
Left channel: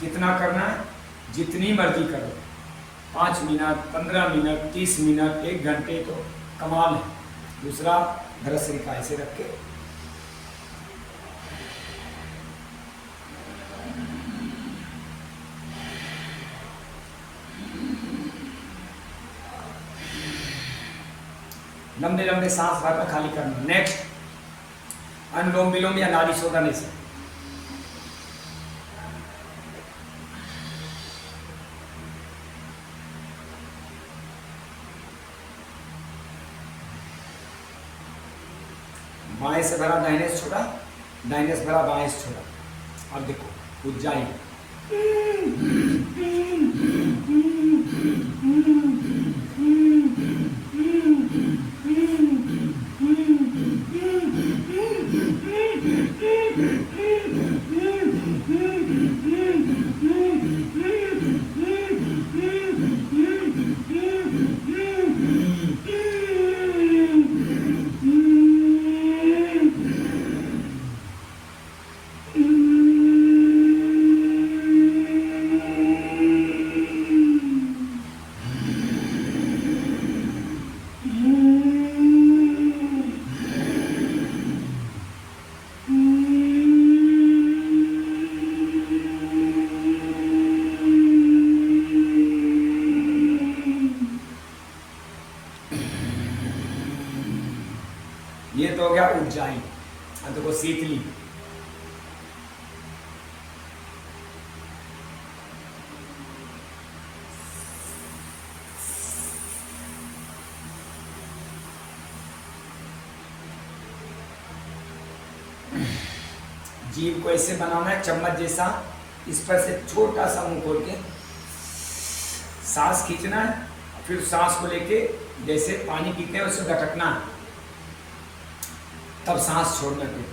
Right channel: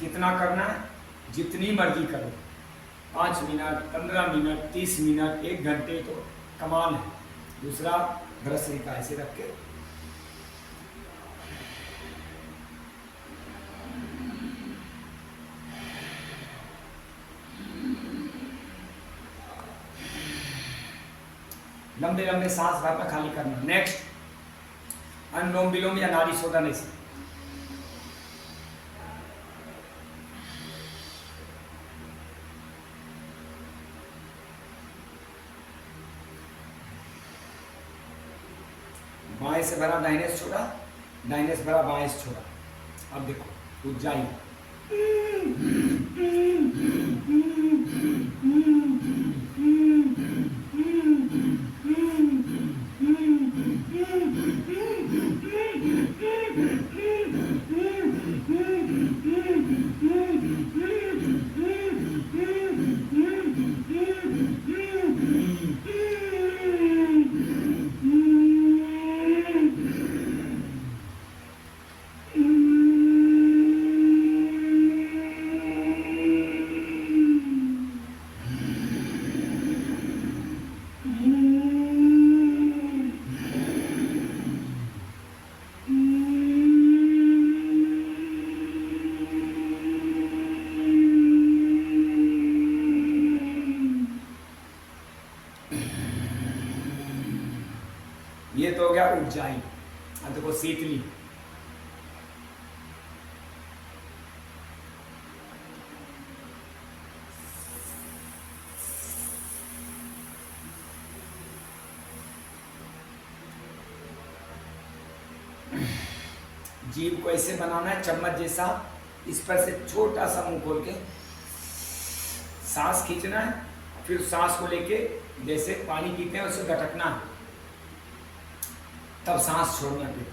कितना करना है, जितनी मर्जी करो, 5 मिनट 15 मिनट 30 मिनट 1 घंटे तो कमाल है। दूसरा भ्रसरिका ऐसे रख के लंबे लंबे सांस भरना, खाली करना। नेक्स्ट, अनुलोम विलोम या नाड़ी शोधन से। बाएं से भरा दाहिने से छोड़ा, दाहिने से भरा बाएं से छोड़ा। अब देखो उज्जाई, ये तो हो गया उज्जाई। अब देखो शीतली, जीव को ऐसे बनाना है चम्मच जैसा, इस पर से छोटा सा मुंह खोल के सांस खींचना है, फिर सांस को लेके जैसे पानी पीते हैं उसे गटकना है, तब सांस छोड़ना। फिर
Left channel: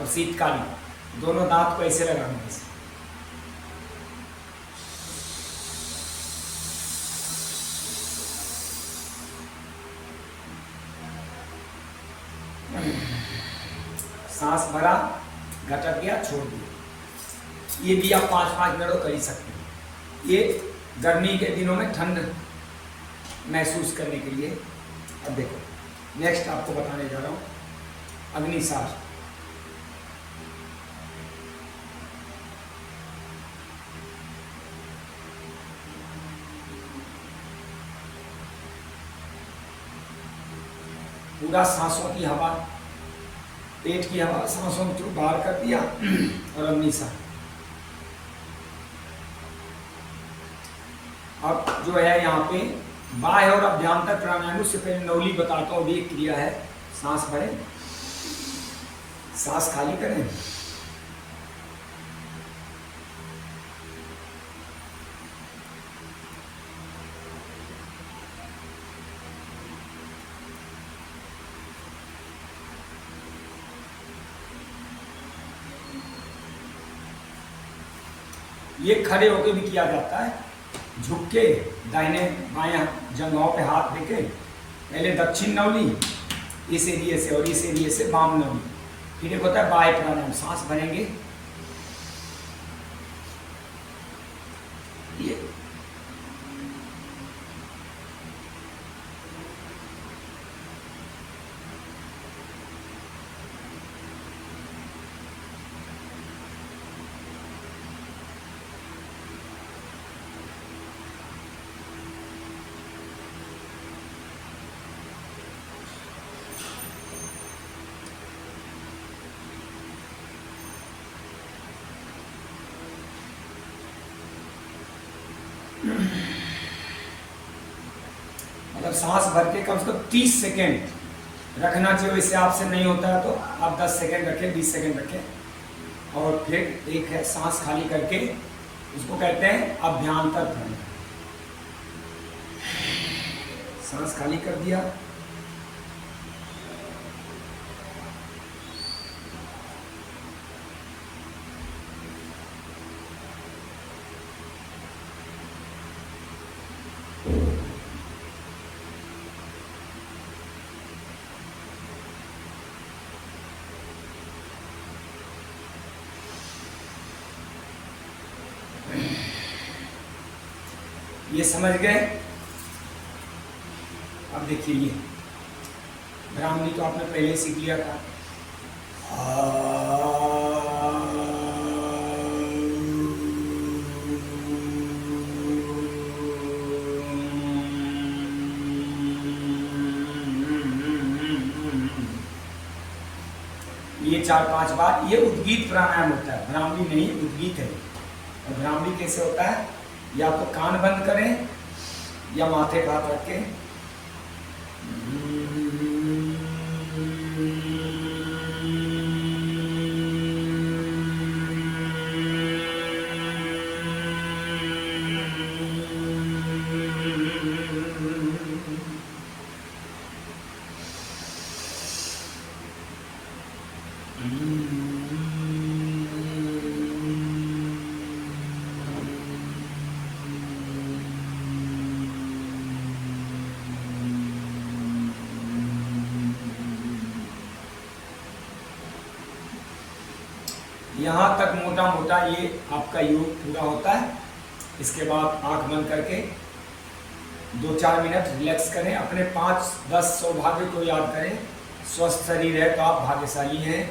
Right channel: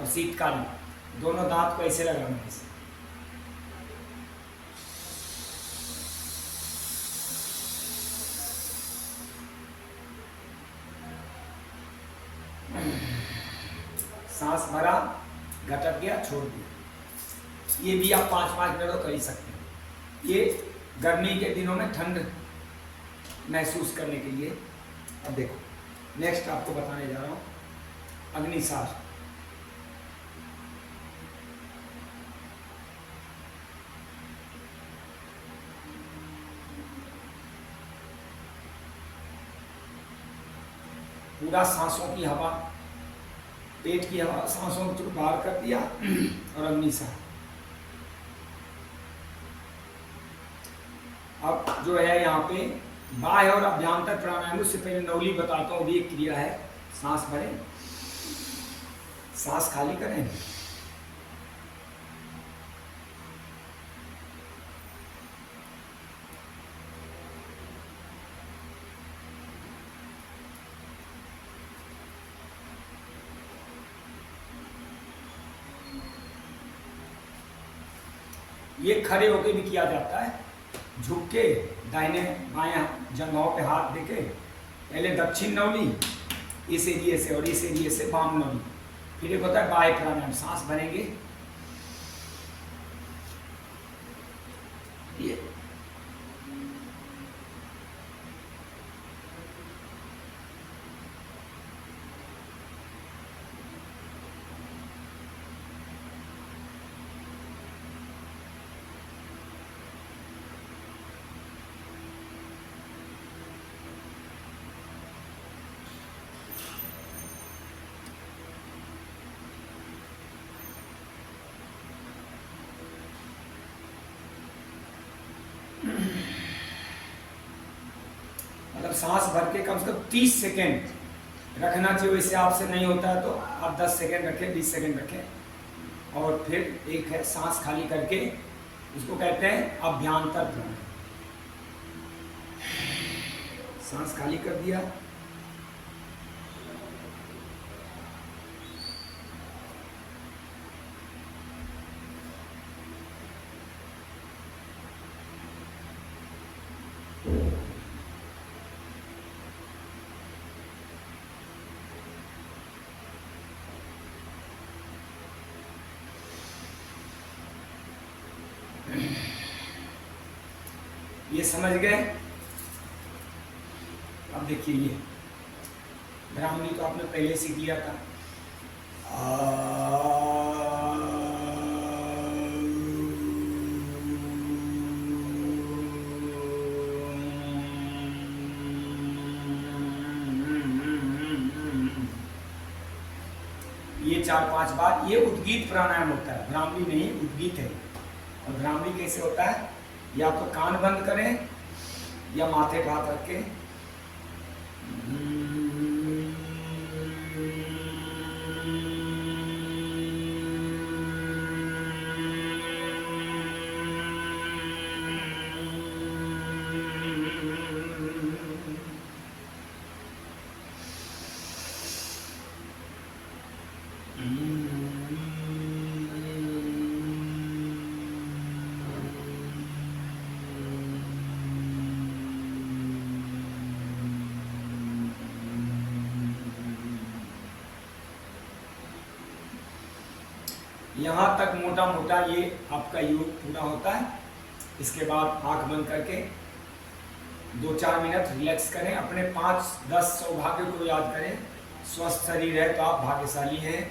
अब शीतकाली, दोनों दांत को ऐसे लगाना है, ऐसे। सांस भरा, घटक गया, छोड़ दिया। ये भी आप 5-5 मिनट कर ही सकते हैं। ये गर्मी के दिनों में ठंड महसूस करने के लिए। अब देखो नेक्स्ट आपको बताने जा रहा हूँ अग्निसार। पूरा सांसों की हवा, पेट की हवा सांसों में थ्रू बाहर कर दिया और अग्निसार। अब जो है यहाँ पे बाह्य और अभ्यंतर प्राणायाम से पहले नौली बताता हूँ। भी एक क्रिया है, सांस भरें, सांस खाली करें, ये खड़े होके भी किया जाता है, झुक के दाहिने बाएं जंघों पे हाथ देके, पहले दक्षिण नवली इस एरिए से और इस एरिए से वाम नवली, फिर एक होता है बाह्य प्राणायाम। सांस भरेंगे, ये मतलब सांस भर के कम से कम 30 सेकेंड रखना चाहिए। इससे आपसे नहीं होता है तो आप 10 सेकेंड रखें, 20 सेकेंड रखें। और फिर एक है सांस खाली करके, उसको कहते हैं अभ्यंतर प्राणायाम। सांस खाली कर दिया, ये समझ गए। अब देखिए ये ब्राह्मणी तो आपने पहले सीख लिया था। ये 4-5 बार। ये उद्गीत प्राणायाम होता है, भ्रामरी नहीं, उद्गीत है। और भ्रामरी कैसे होता है? या तो कान बंद करें या माथे पे हाथ रख के यहाँ तक मोटा मोटा ये आपका योग पूरा होता है। इसके बाद आंख बंद करके 2-4 मिनट रिलैक्स करें। अपने 5-10 सौभाग्य को याद करें। स्वस्थ शरीर है तो आप भाग्यशाली हैं।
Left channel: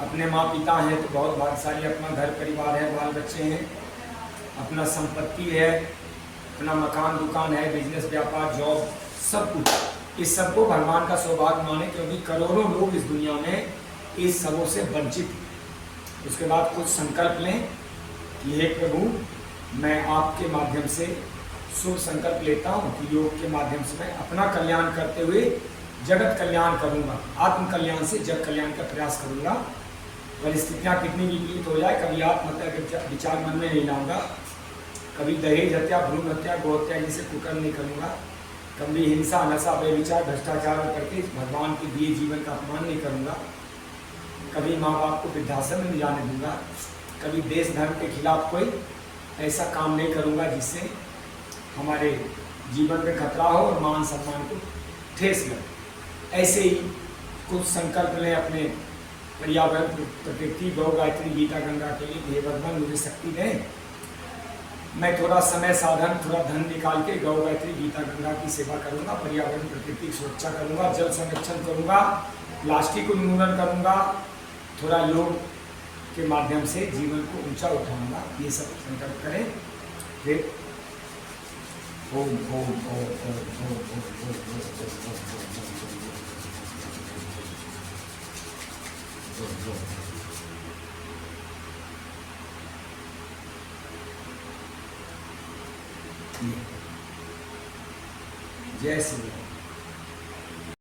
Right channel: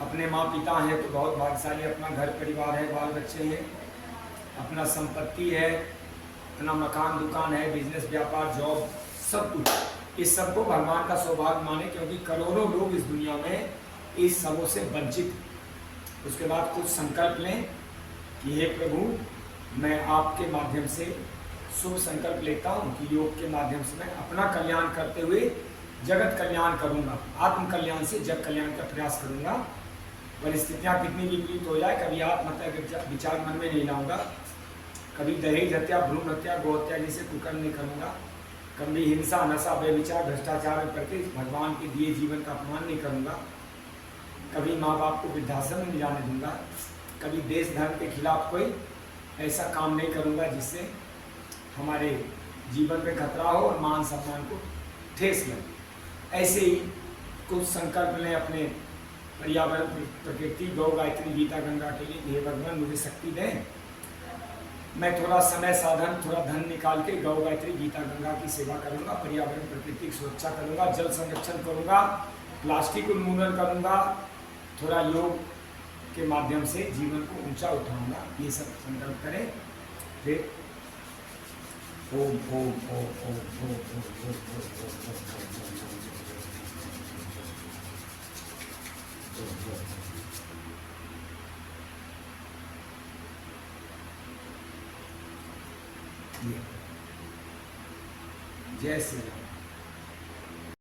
अपने माँ पिता हैं तो बहुत भाग्यशाली। अपना घर परिवार है, बाल बच्चे हैं, अपना संपत्ति है, अपना मकान दुकान है, बिजनेस व्यापार जॉब सब कुछ। इस सबको भगवान का सौभाग्य माने, क्योंकि करोड़ों लोग इस दुनिया में इस सबों से वंचित हैं। उसके बाद कुछ संकल्प लें कि हे प्रभु, मैं आपके माध्यम से शुभ संकल्प लेता हूँ कि योग के माध्यम से मैं अपना कल्याण करते हुए जगत कल्याण करूँगा, आत्म कल्याण से जग कल्याण का प्रयास करूँगा। परिस्थितियाँ कितनी विपरीत हो जाए, कभी आत्महत्या के विचार मन में नहीं लाऊंगा, कभी दहेज हत्या, भ्रूण हत्या, गौ हत्या जैसे कुकर्म नहीं करूँगा, कभी हिंसा नशा व्यभिचार भ्रष्टाचार करके भगवान के दिए जीवन का अपमान नहीं करूँगा, कभी माँ बाप को वृद्धाश्रम में नहीं जाने दूंगा, कभी देश धर्म के खिलाफ कोई ऐसा काम नहीं करूंगा जिससे हमारे जीवन में खतरा हो और मान सम्मान को ठेस लगे। ऐसे ही कुछ संकल्प लें अपने पर्यावरण, प्रकृति, गौ, गायत्री, गीता, गंगा के लिए। हे भगवान, मुझे शक्ति दें, मैं थोड़ा समय साधन, थोड़ा धन निकाल के गौ, गायत्री, गीता, गंगा की सेवा करूंगा, पर्यावरण प्रकृति की सुरक्षा करूंगा, जल संरक्षण करूंगा, प्लास्टिक उन्मूलन करूंगा, थोड़ा योग के माध्यम से जीवन को ऊंचा उठाऊंगा। ये सब संकल्प करें। फिर ओम ओम ओम ओम ओम जय श्री